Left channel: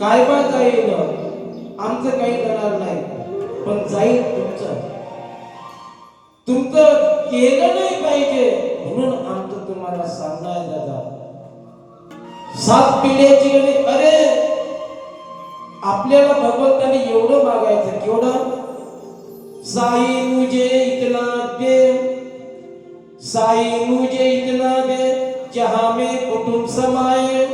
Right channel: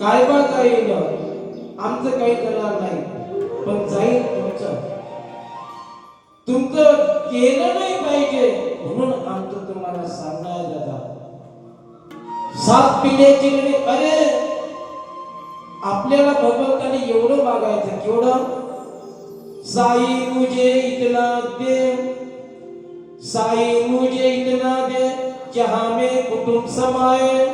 काय बा जाईल आमचं काही जाणार नाही, पण जाईल तुमचं. तुमचं केलं नाही पाहिजे म्हणून आमचं तुम्हाला सांगणार दादा. 7 पिढ्याची गणी. अरे आपल्याला भगवंताने एवढं मागायचं, केवढं? साई मुझे इतना दे, साई मुझे इतना दे, जहां में कुटुंब समाए,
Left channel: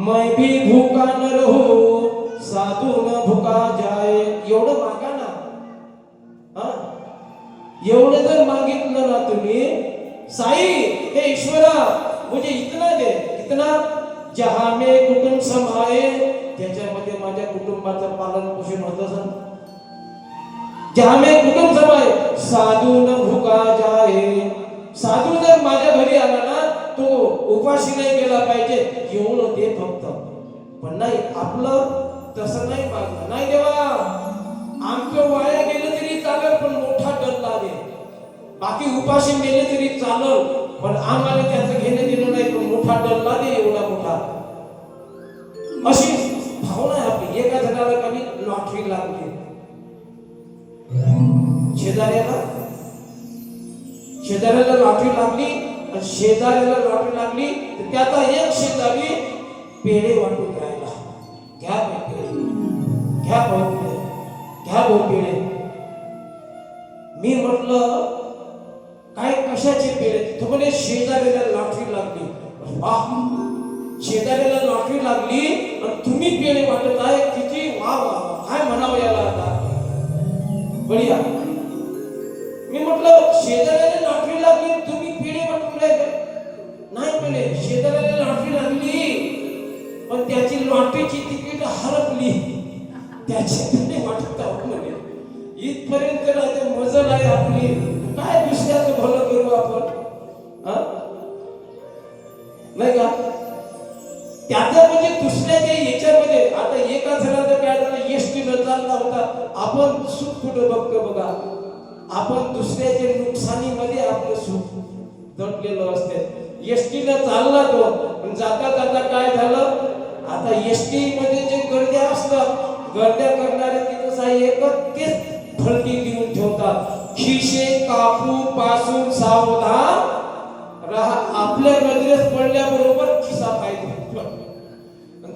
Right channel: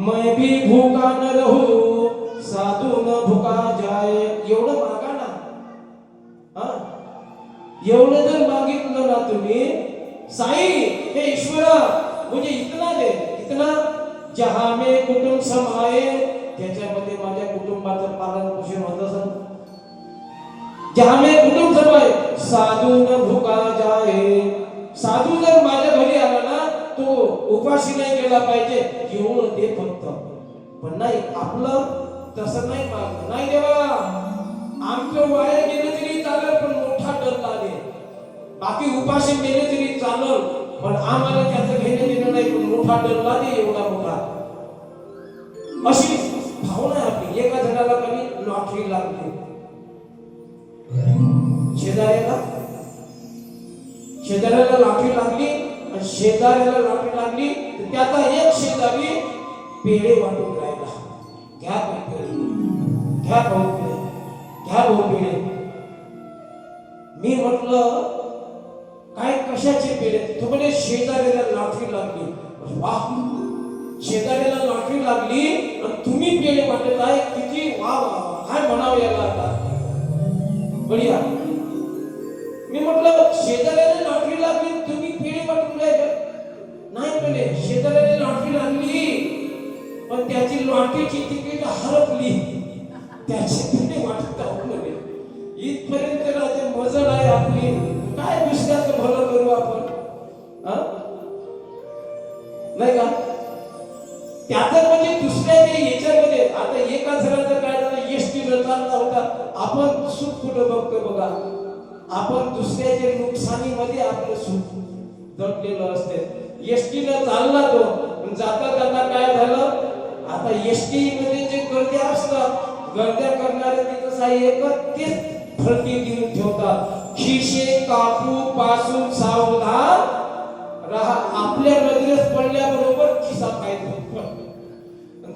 मैं भी भूखा न रहूं, साधू न भूखा जाए. एवढं मागा ना. हा, एवढं जर मागितलं ना तुम्ही, साई हे ईश्वरा मुझे इतना दे, इतना जहां में कुटुंब समाए, त्याच्यामध्ये माझ्या कुटुंबाचं पालन पोषण होत असेल. जहां में कुटुंब समाए, साधू न भूखा जाए. साधू जर माझ्या घरी आला ना, तो उपाशी नाही गेला पाहिजे, एवढं दे फक्त. पण नाही, आपलं तसं नाही मागणं. नाही देवा, आमचं वाया गेलं तरी चालेल, पण मोठा डल्ला दे. बाकी उपाशी मेले तरी चालेल, पण आम्हाला त्याचं घेणं देणं नाही, पण मोठा डल्ला दे, एवढा मोठा. अशी भावना आहे आपली. एका जणाला कधी लॉटरी लागली, शेजाऱ्याला लॉटरी लागली, आणि शेजाऱ्याला लॉटरी लागली तर त्याचा एक शेजारी पेढे वाटून राहिला. घ्या पेढे, घ्या भाऊ पेढे, घ्या भाऊ पेढे. मी म्हटलं काय कशाचे पेढे? तो म्हणे शेजाऱ्याला लॉटरी लागली. वाह, शेजाऱ्याला लॉटरी लागली आणि तुम्ही पेढे वाटत आहे, किती वा वा, काय म्हणावं याला आता. बढिया. मी म्हटलं शेजाऱ्याला लॉटरी लागली, तुम्ही पेढे वाटून राहिले. नाही म्हणे, शेजाऱ्याला लॉटरी लागली पण त्याची लॉटरीची तिकीट हरपली, त्याची पेढे वाटत आहोत म्हणे. इथपर्यंत राहते मजल आहे आपली. काय दुसऱ्याचं भलं करू आपण, नाही का? त्याचं म्हणजे दुसऱ्याच्या याच्यामध्ये. आता एका जणाचं काय झालं, एसटीनं चालला होता, आपण सुख कुठं बघतो बघा. आपण दुसऱ्याच्या नुकसानीमध्ये आपलं सुख दडलेलं असते. एसटीनं चालला तो, जाता जाता काय झालं, आता एसटी मध्ये जे गर्द्या असतात, गर्द्या करणारे तिथं साई एकच तेच फलकी देऊन ठेवतात, खिशे कापू पासून सावधान राहा. आपल्या नजरेस पडल्याबरोबर खिसा पाहिजे,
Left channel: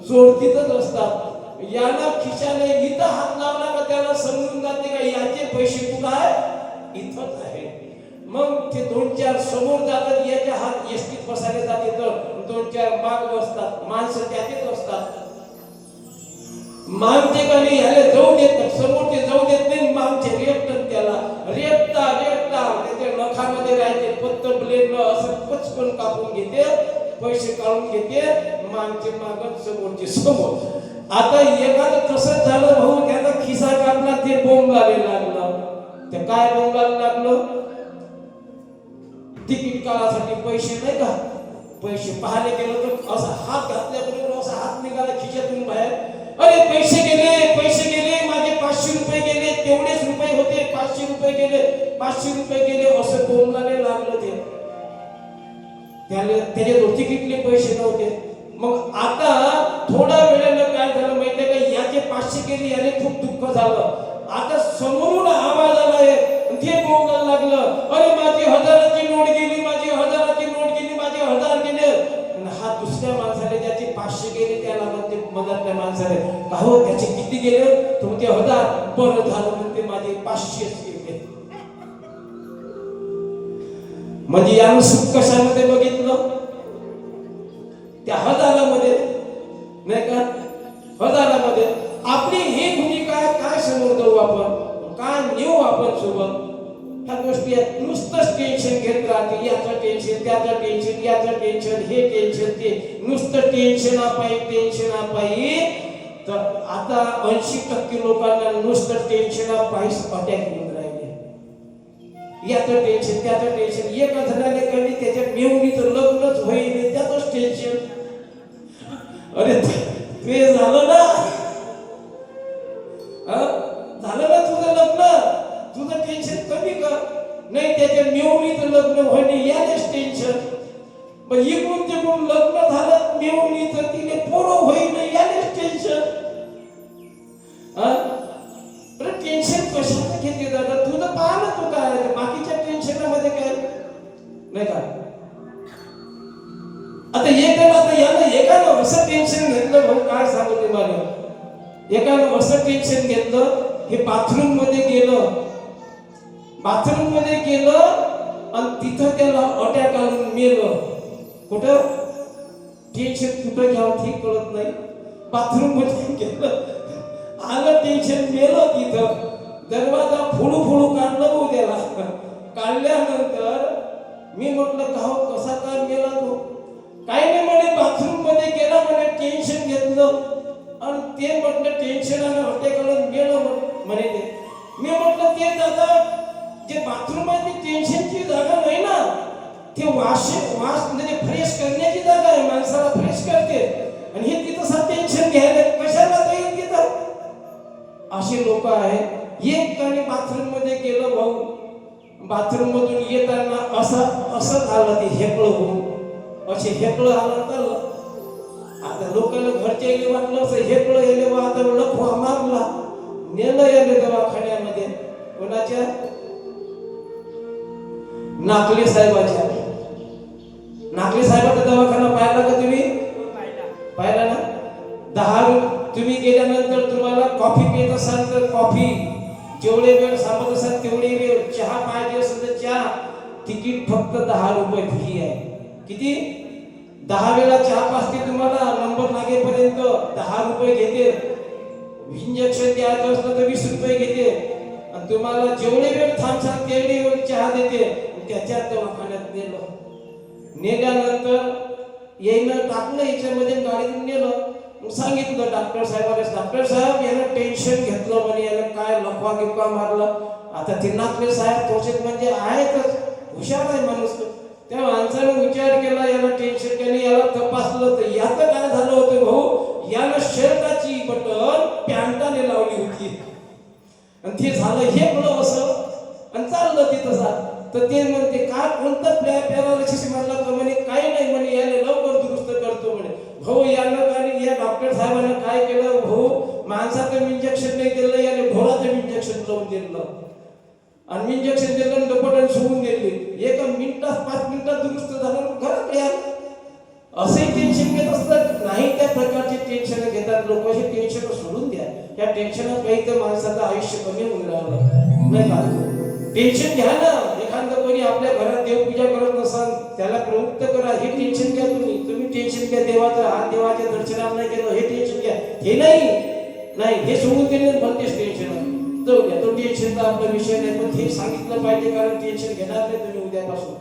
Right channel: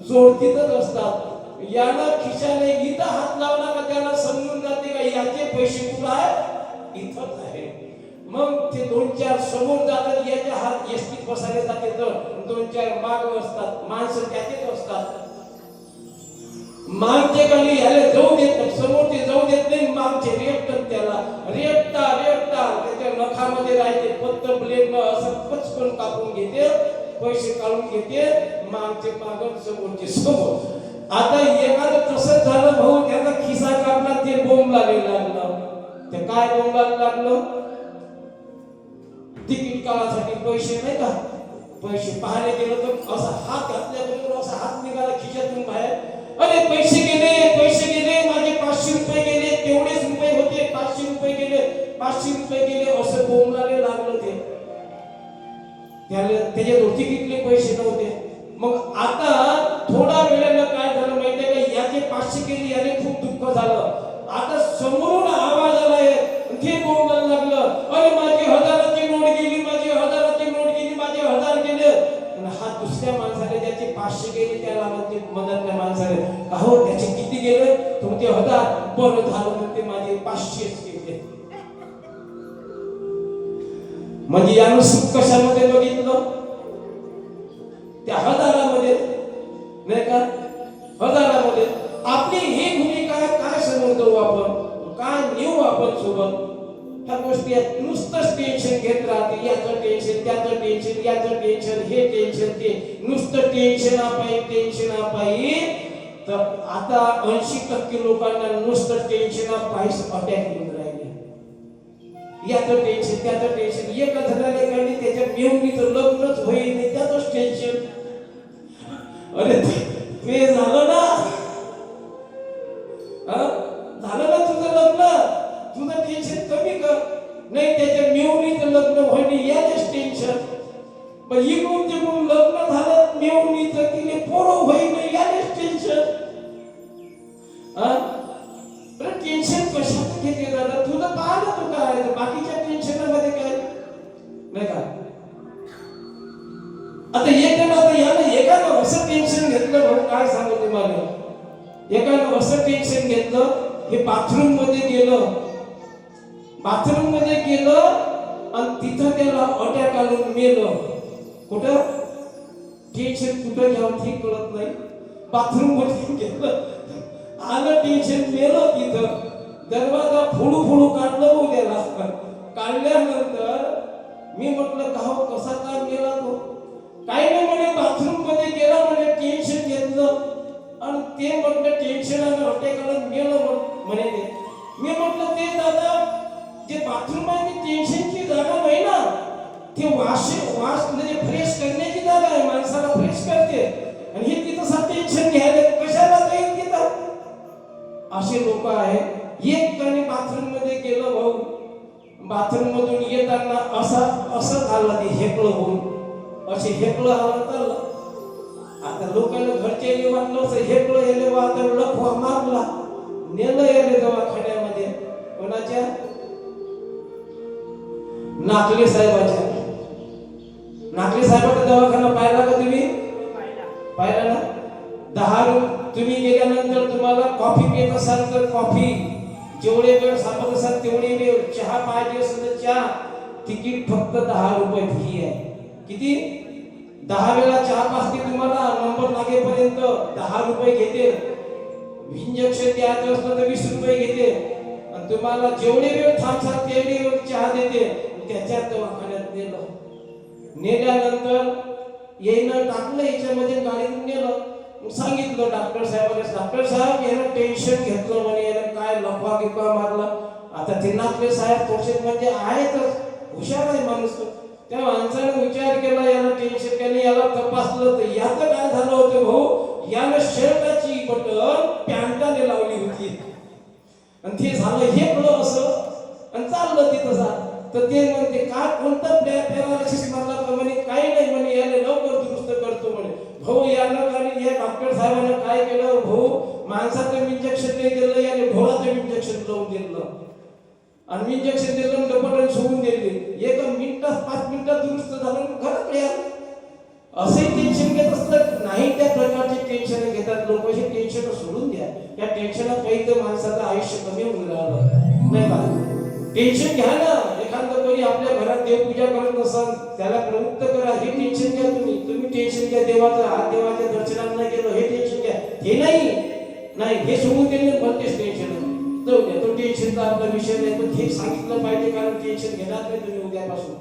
चोरतीतच असतात. याला खिशाने इथं हात लावला का त्याला समजून जाते का याचे पैसे कुठं आहे, इथंच आहे. मग ते 2-4 समोर जातात, याच्या हात एसटीत बसायला जाते, तर 2-4 माग बसतात, माणसं त्याचेच असतात. मागचे कधी याला जाऊ देत नाही, समोरचे जाऊ देत नाही, मागचे रेपतात त्याला, रेपता त्याच्या नखामध्ये राहते पत्तर ब्लेडनं असं पचकन कापून घेते, पैसे काढून घेते, मागचे मागं समोरचे समोर. आता एखादं तसंच झालं भाऊ, त्याचा खिसा काढला, ते बोंब लागेल लागलं. ते काय बोंब लागलं, तिकीट काढासाठी पैसे नाही का, पैसे पाहायला गेलं तर असा हात घातल्याबरोबर असा हात निघाला खिशातून बाहेर. अरे पैसे गेले, माझे 500 रुपये गेले, तेवढेच रुपये होते, 500 रुपये गेले, असं बोंबलाने लागलं ते. त्याच्याजवळ तिकीटले पैसे नव्हते. मग आता थोडा वेळानं काय झालं माहितीये का, याचे 500 गेले, याने खूप दुःख झालं. आता समोरून आवाज आलाय, ते बोंबलायला लागलं, अरे माझी 1000ची नोट गेली, माझे 1000 गेले. हा दुसऱ्या माणसाने ज्याचे 500 गेले त्याला म्हणते मदत नाही माणसाने, का हो त्याचे किती गेले, तुमचे 1000, बरं झालं म्हणते माझे 500च गेले. म्हणजे यानं सुख कशामध्ये बघितलं, त्या 1000मध्ये नाही का, 1000मध्ये. आपली ही भूमिका काय समोर जाऊ आपण, काय नेऊ आपण सोबत, ह्या गोष्टी आहेत. नुसतंच टेन्शन घेत राहते, याचं टेन्शन, त्याचं टेन्शन, याचं टेन्शन, हे टेन्शन, ते नुसतं टेन्शन पायी. तर आता 80% लोकांना नुसतं टेन्शन पायी अटॅक येऊन राहिले. याचं टेन्शन, त्याचं टेन्शन. एका जणाने कळली त्याच्या मेहुणीचं लग्नच होईल, त्याचंच टेन्शन. अरे ते झालं ना, झालं ना तुझं लग्न, तुझं टेन्शन कमी कर. नाही त्याच्या मेहुणीचं लग्न होणे याचंच टेन्शन. पण इकडून तिकडून लग्न झालं मेहुणीचं, तिने पोरं होईन याचंच टेन्शन. काय सांगू तुम्हाला, एकानं असं टेन्शन घेतलं, हे बाथरूम मध्ये गेलं आणि तिथं त्याला अटॅक आलं, मेलं. कुठं टेन्शन कुठं घ्यावं ठीक कळत नाही. बाथरूम मध्ये गेलं, आलं टेन्शन, मेलं तिथं. दरवाजा फोडू काढलं भाऊ त्याला. काढल्यानंतर मी म्हटलं का हो, कसा काय मेला तो? काही नाही म्हणे, बाथरूम मध्ये गेला म्हणे, टेन्शन घेतलं आणि ते म्हटलं टेन्शन आलं, अटॅक आलं, मेलं म्हणे ते. मी म्हटलं ते दादा, जे बाथरूम आहे ती टेन्शनची जागा नाही ना, ते वास म्हणजे फ्रेश करण्याची जागा आहे, माणसाला फ्रेश करते. आणि हे तिथं टेन्शन घ्यायला कशाला जाईल तिथं? असे लोक आहेत. एक काने बाथरूम मध्ये गेलं भाऊ, बाथरूम मधून येताना असं झालं, ते हेकळं होऊन असे हेकळं आलं तर आता लोकांना घरचे वाटलं असं हेकळं गेले, आता लखवा मारला, नेलं गेले दवाखान्यामध्ये. कोणाच्या? नाकले साहेबाच्या. नाकले साहेबाचा दवाखाना पाहिला का तुम्ही? पाहिला ना? 10 तुम्ही गेल्यानंतर तुम्हाला कॉफी पित असाल तर कॉफी, जेवढे वेळ सांगत असाल तेवढे वेळ, चहा पाहिजे असेल तर चहा, तिकीट फक्त 10 रुपये फी आहे. किती? 10 वेळा चहा पाजते तुम्हाला, नंबर लागेपर्यंत 10 रुपये घेते. इंजेक्शन द्यायचं असलं तर 20 रुपये घेते. आणि तुम्हाला जेवढे वेळ थांबसाल तेवढे वेळ चहा देते. त्याच्यात दवाखान्यात नेल्यानंतर येईनं टाकलं याच्यामध्ये, गाडीतून नेलं. सांगितलं डॉक्टर साहेबांना, डॉक्टर साहेब याला टेन्शन घेतलं म्हणे, याला काय लफवा गिफवा मारलं. आता ते नाकले साहेब तोचे म्हणजे आहेतच, हुशार आहे माणूस. त्या माणसानं विचार केला, याला टेन्शन केलं, याला तपासलं तर याचं काय झालं होतं भाऊ, याला शर्टाची बटन पॅन्टाने लावली होती आणि ते झालं हे कळलं असं आणि चाललं तिथं. तर ते म्हणते काय, कोणतं पॅरालिसिस मारला तर म्हणे काही नाही म्हणे, याने लवकर दुरुस्त करतो म्हणे. भाऊ यानं आणि या डॉक्टर साहेबांना काय केलं भाऊ, माणसाचं इंजेक्शन नाही दिलं, याने ढोराचं इंजेक्शन लावून दिलं आणि इंजेक्शन दिलं आणि बटन सोडून दिले. 1 मिनिटात 5 मिनिटात दुरुस्त झालं, घरात या. असंही टेन्शन घेत असतात नाही, त्या प्रकारचे टेन्शन घेतात लोक. हे टेन्शन सोडून द्या, त्या टेन्शनापायी तर माणसाचं आयुष्य कमी होऊन राहिलं नाही का? टेन्शन घ्या ना. एखादं कोणी आपल्या घरात देवपूजा करत नसाल, त्याला प्रवृत्त करा, हे टेन्शन घ्या. तुम्ही टेन्शन घ्या देवाचं, हा देवाच्या दर्शनाला नाही गेलो, हे टेन्शन घ्या. हे नाही हे सोडून दिले भलतेच टेन्शन आहे. तो टेन्शनचा आपला विषय नाही, पण हे सांगितलं पाहिजे, कारण टेन्शन घेणार नाही तुम्ही उद्यापासून.